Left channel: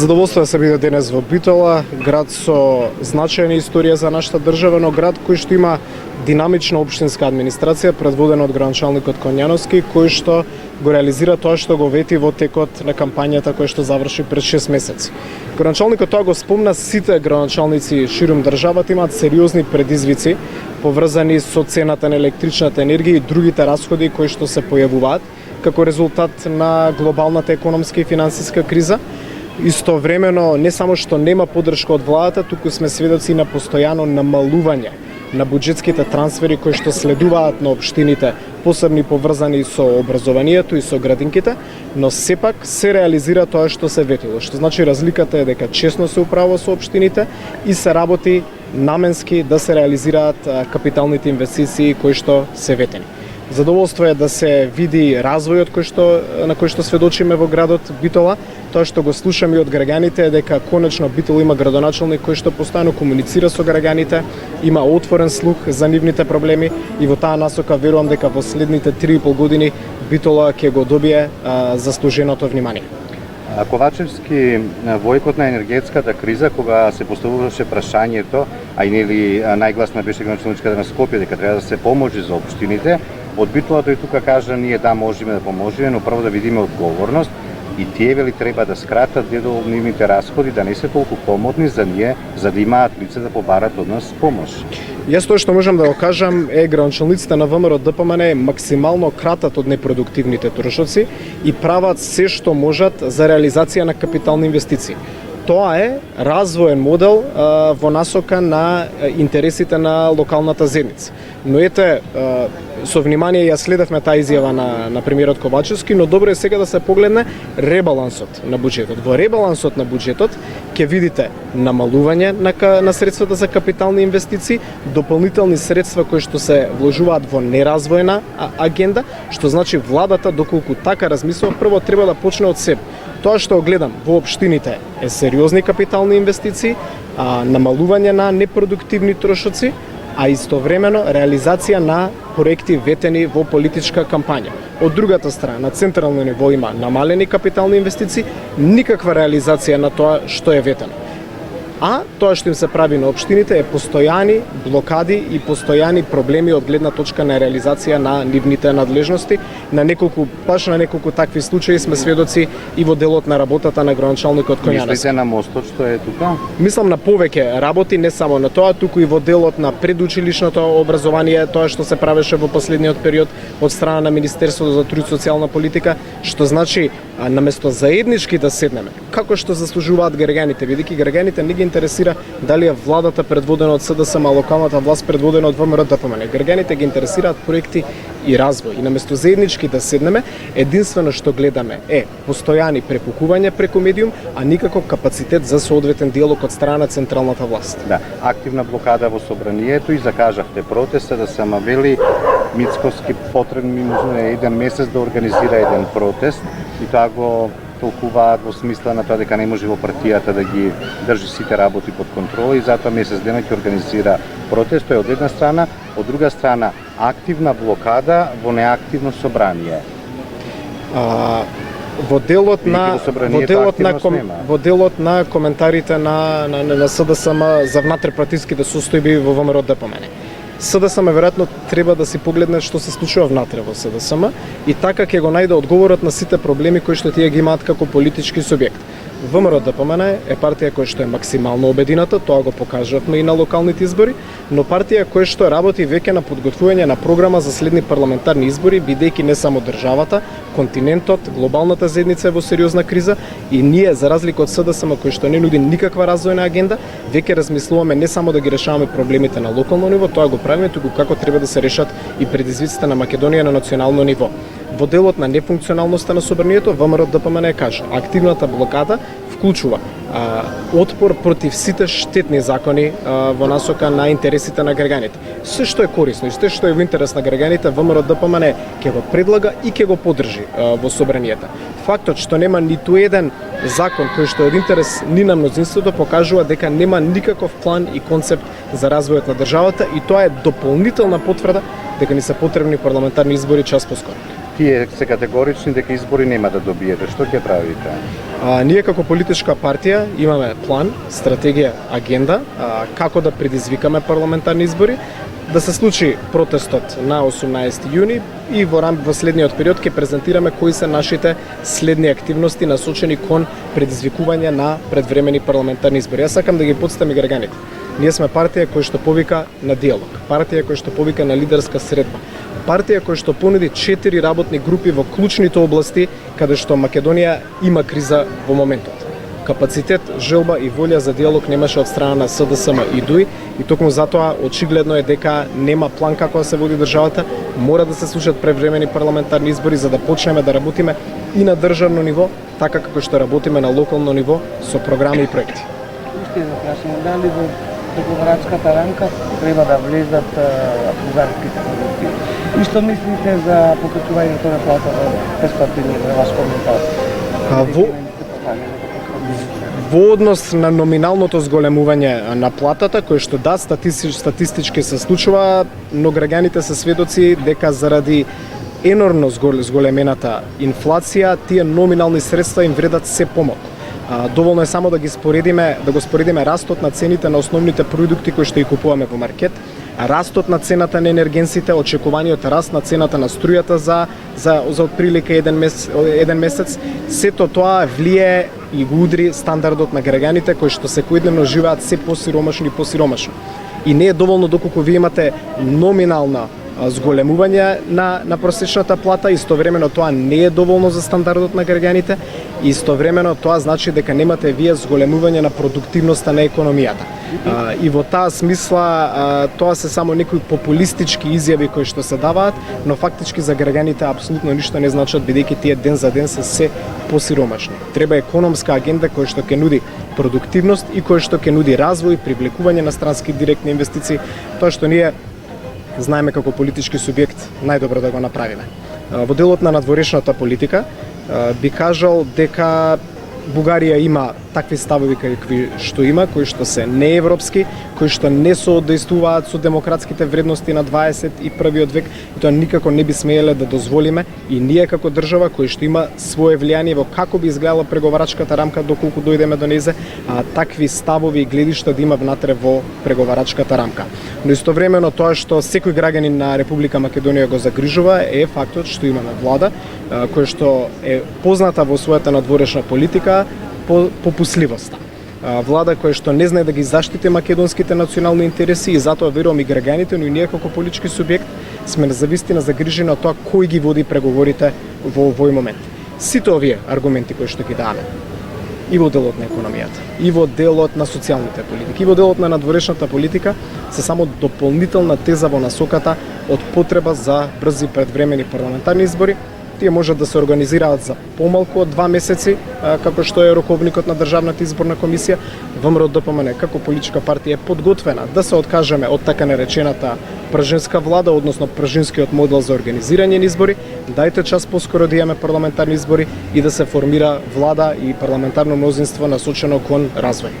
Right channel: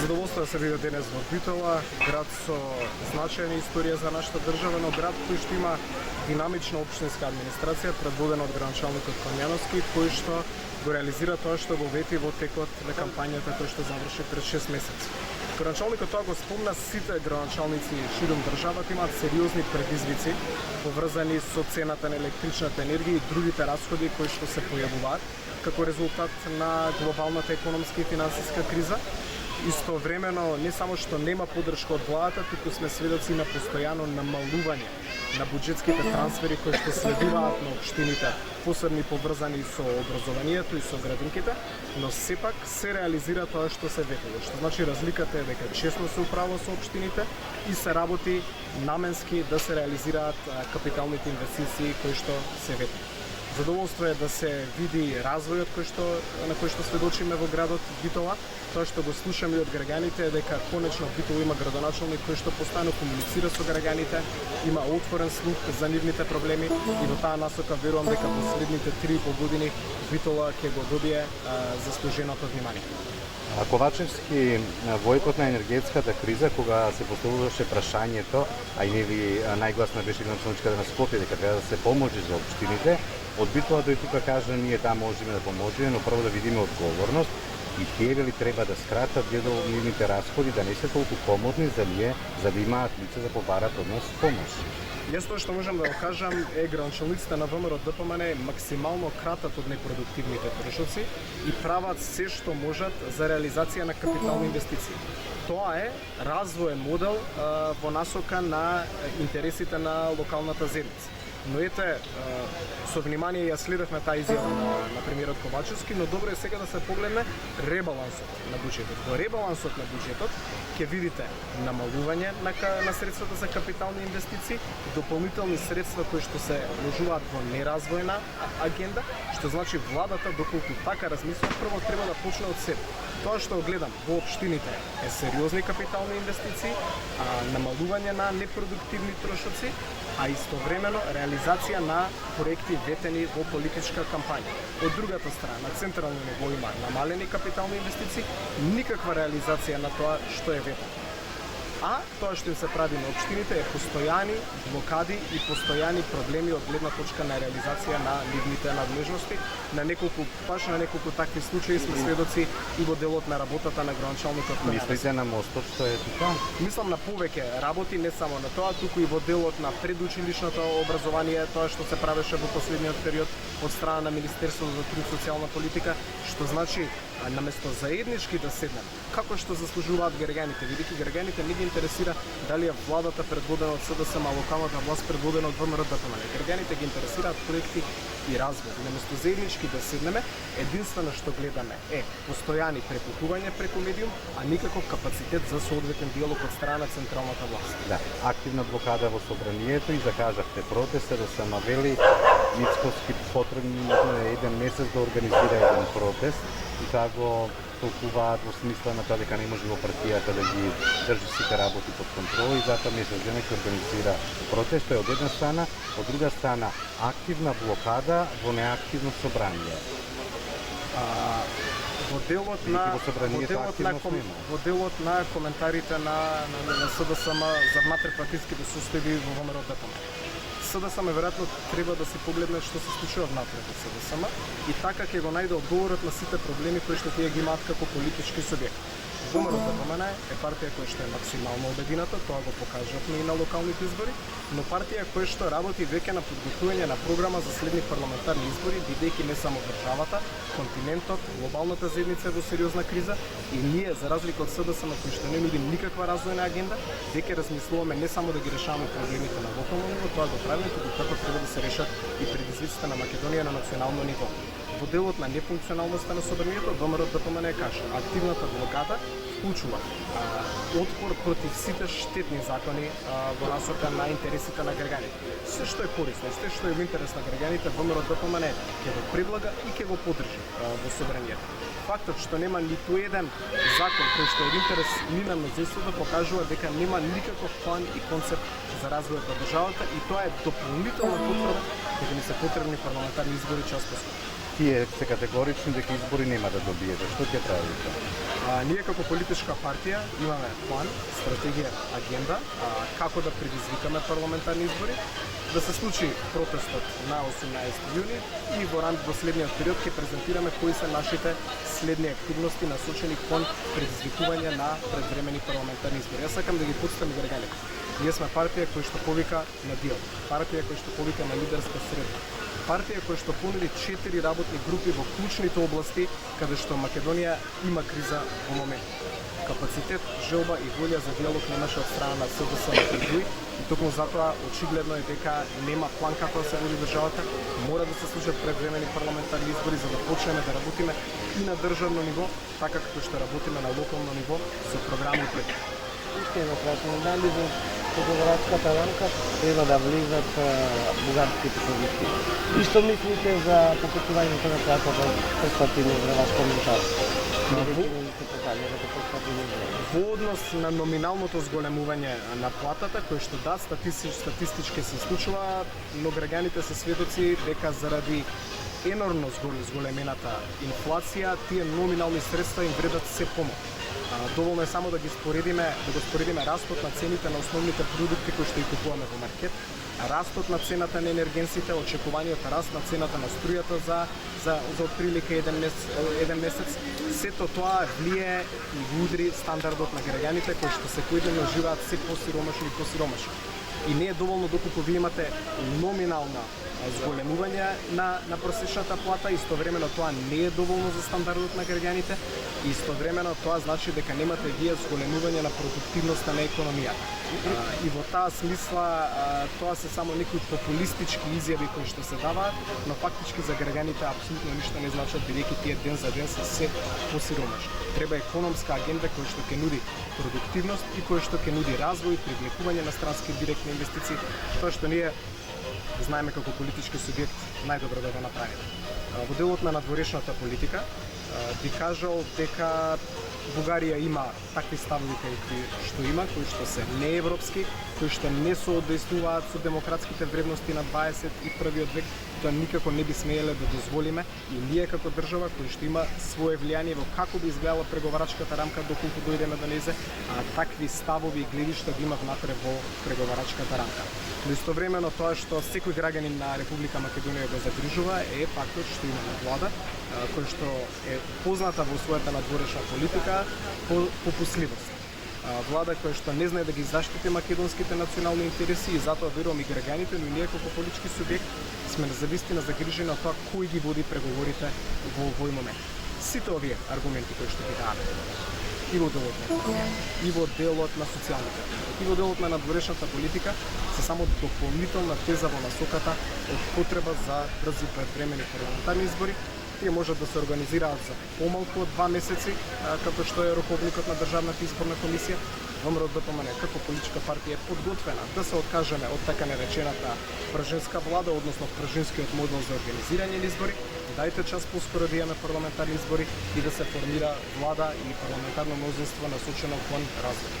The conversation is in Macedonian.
Задоволство да се биде денес во Битола, град со значајна историја за нашата држава, но град кој што има динамична општинска администрација, предводена од градоначалникот Конјановски, кој што го реализира тоа што го вети во текот на кампањата која што заврши пред 6 месеци. Градоначалникот тоа го спомна, сите градоначалници ширум државата имаат сериозни предизвици поврзани со цената на електричната енергија и другите расходи кои што се појавуваат како резултат на глобалната економска и финансиска криза. Истовремено, не само што нема поддршка од владата, туку сме сведоци на постојано намалување на буџетските трансфери кои што следуваат на општините, посебни поврзани со образованието и со градинките, но сепак се реализира тоа што се ветило, што значи разликата е дека честно се управува со општините и се работи наменски да се реализираат капиталните инвестиции кои што се ветени. Задоволство е да се види развојот на кој што сведочиме во градот Битола. Тоа што го слушаме и од граѓаните е дека конечно Битола има градоначалник кој што постојано комуницира со граѓаните, има отворен слух за нивните проблеми и во таа насока верувам дека во следните 3,5 години Битола ќе го добие заслуженото внимание. Ковачевски, во екот на енергетската криза, кога се поставуваше прашањето, а и нели најгласна беше градоначалничката на Скопје дека треба да се поможи за општините, од Битола тој тука кажа ние да можеме да поможеме, но прво да видиме одговорност и тие вели треба да скратат дел од нивните расходи, да не се толку помодни за ние, за да имаат лице да побарат од нас помош. Јас тоа што можам да го кажам е градоначалниците на ВМРО ДПМН максимално кратат од непродуктивните трошоци и прават се што можат за реализација на капитални инвестиции. Тоа е развоен модел во насока на интересите на локалната заедница. Но ете, со внимание ја следевме таа изјава на премиерот Ковачевски, но добро е сега да се погледне ребалансот на буџетот. Во ребалансот на буџетот ќе видите намалување на средствата за капитални инвестиции, дополнителни средства кои што се вложуваат во неразвоена агенда, што значи владата доколку така размислува, прво треба да почне од себе. Тоа што гледам во општините е сериозни капитални инвестиции, намалување на непродуктивни трошоци, а истовремено реализација на проекти ветени во политичка кампања. Од другата страна, на централно ниво има намалени капитални инвестиции, никаква реализација на тоа што е ветено. А тоа што им се прави на општините е постојани блокади и постојани проблеми од гледна точка на реализација на нивните надлежности. Баш на неколку такви случаи сме сведоци и во делот на работата на градоначалникот Конјановски. Мислите на мостот што е тука? Мислам на повеќе работи, не само на тоа, туку и во делот на предучилишното образование, тоа што се правеше во последниот период од страна на Министерството за труд и социјална политика, што значи наместо заеднички да седнеме, како што заслужуваат граѓаните, бидејќи граѓаните не ги интересира дали е владата предводена од СДСМ, а локалната власт предводена од ВМРО ДПМН. Граѓаните ги интересираат проекти и развој. И наместо заеднички да седнеме, единствено што гледаме е постојани препукувања преку медиум, а никако капацитет за соодветен диалог од страна на централната власт. Да, активна блокада во собранието и закажавте протеста да се вели Мицковски потребно еден месец да организира еден протест и тоа го толкуваат во смисла на тоа дека не може во партијата да ги држи сите работи под контрола и затоа месец дена ќе организира протест. Тоа е од една страна, од друга страна активна блокада во неактивно собрание. Во делот на коментарите на СДСМ за внатрепартиските состојби во ВМРО ДПМН. СДСМ веројатно треба да си погледне што се случува внатре во СДСМ и така ќе го најде одговорот на сите проблеми кои што тие ги имаат како политички субјект. ВМРО ДПМН е партија која што е максимално обедината, тоа го покажавме и на локалните избори, но партија која што работи веќе на подготвување на програма за следни парламентарни избори, бидејќи не само државата, континентот, глобалната заедница е во сериозна криза и ние, за разлика од СДСМ кој што не нуди никаква развојна агенда, веќе размислуваме не само да ги решаваме проблемите на локално ниво, тоа го правиме, туку како треба да се решат и предизвиците на Македонија на национално ниво. Во делот на нефункционалноста на собранието, ВМРО ДПМН кажа, активната блокада вклучува отпор против сите штетни закони во насока на интересите на граѓаните. Се што е корисно и се што е во интерес на граѓаните, ВМРО ДПМН ќе го предлага и ќе го поддржи во собранието. Фактот што нема ниту еден закон кој што е во интерес ни на мнозинството покажува дека нема никаков план и концепт за развојот на државата и тоа е дополнителна потврда дека ни се потребни парламентарни избори час поскоро. тие се категорични дека избори нема да добиете. Што ќе правите? Ние како политичка партија имаме план, стратегија, агенда како да предизвикаме парламентарни избори, да се случи протестот на 18 јуни и во следниот период ќе презентираме кои се нашите следни активности насочени кон предизвикување на предвремени парламентарни избори. Јас сакам да ги потстам и граѓаните. Ние сме партија која што повика на диалог, партија која што повика на лидерска средба, партија која што понуди 4 работни групи во клучните области каде што Македонија има криза во моментот. Капацитет, желба и волја за диалог немаше од страна на СДСМ и ДУИ и токму затоа очигледно е дека нема план како да се води државата, мора да се случат превремени парламентарни избори за да почнеме да работиме и на државно ниво, така како што работиме на локално ниво со програми и проекти. Уште едно прашање, дали во преговарачката рамка треба да влезат бугарските позиции? И што мислите за покачувањето на платата во 500 евра, ваш коментар? Во однос на номиналното зголемување на платата, кој што да, статистички се случува, но граѓаните се сведоци дека заради енормно зголемената инфлација, тие номинални средства им вредат се помалку. Доволно е само да го споредиме растот на цените на основните продукти кои што ги купуваме во маркет, растот на цената на енергенсите, очекуваниот раст на цената на струјата за отприлика еден месец, сето тоа влие и го удри стандардот на граѓаните кои што секојдневно живеат се посиромашно и посиромашно. И не е доволно доколку вие имате номинална зголемување на просечната плата, истовремено тоа не е доволно за стандардот на граѓаните, истовремено тоа значи дека немате вие зголемување на продуктивноста на економијата. И во таа смисла тоа се само некои популистички изјави кои што се даваат, но фактички за граѓаните апсолутно ништо не значат бидејќи тие ден за ден се се посиромашни. Треба економска агенда која што ќе нуди продуктивност и која што ќе нуди развој, привлекување на странски директни инвестиции, тоа што ние знаеме како политички субјект најдобро да го направиме. Во делот на надворешната политика би кажал дека Бугарија има такви ставови какви што има, кои што се неевропски, кои што не соодействуваат со демократските вредности на 21 век и тоа никако не би смееле да дозволиме и ние како држава кој што има свое влијание во како би изгледала преговарачката рамка доколку дојдеме до нејзе, такви ставови и гледишта да има внатре во преговарачката рамка. Но истовремено тоа што секој граѓанин на Република Македонија го загрижува е фактот што имаме влада која што е позната во својата надворешна политика по попусливоста. Влада која што не знае да ги заштити македонските национални интереси и затоа верувам и граѓаните, но и ние како политички субјект сме завистина загрижени од тоа кој ги води преговорите во овој момент. Сите овие аргументи кои што ги даваме и во делот на економијата, и во делот на социјалните политики, и во делот на надворешната политика се само дополнителна теза во насоката од потреба за брзи предвремени парламентарни избори. Тие можат да се организираат за помалку од 2 месеци, како што е роковникот на Државната изборна комисија. ВМРО-ДПМН како политичка партија е подготвена да се откажеме од така наречената пржинска влада, односно пржинскиот модел за организирање на избори. Дајте час поскоро да имаме парламентарни избори и да се формира влада и парламентарно мнозинство насочено кон развој.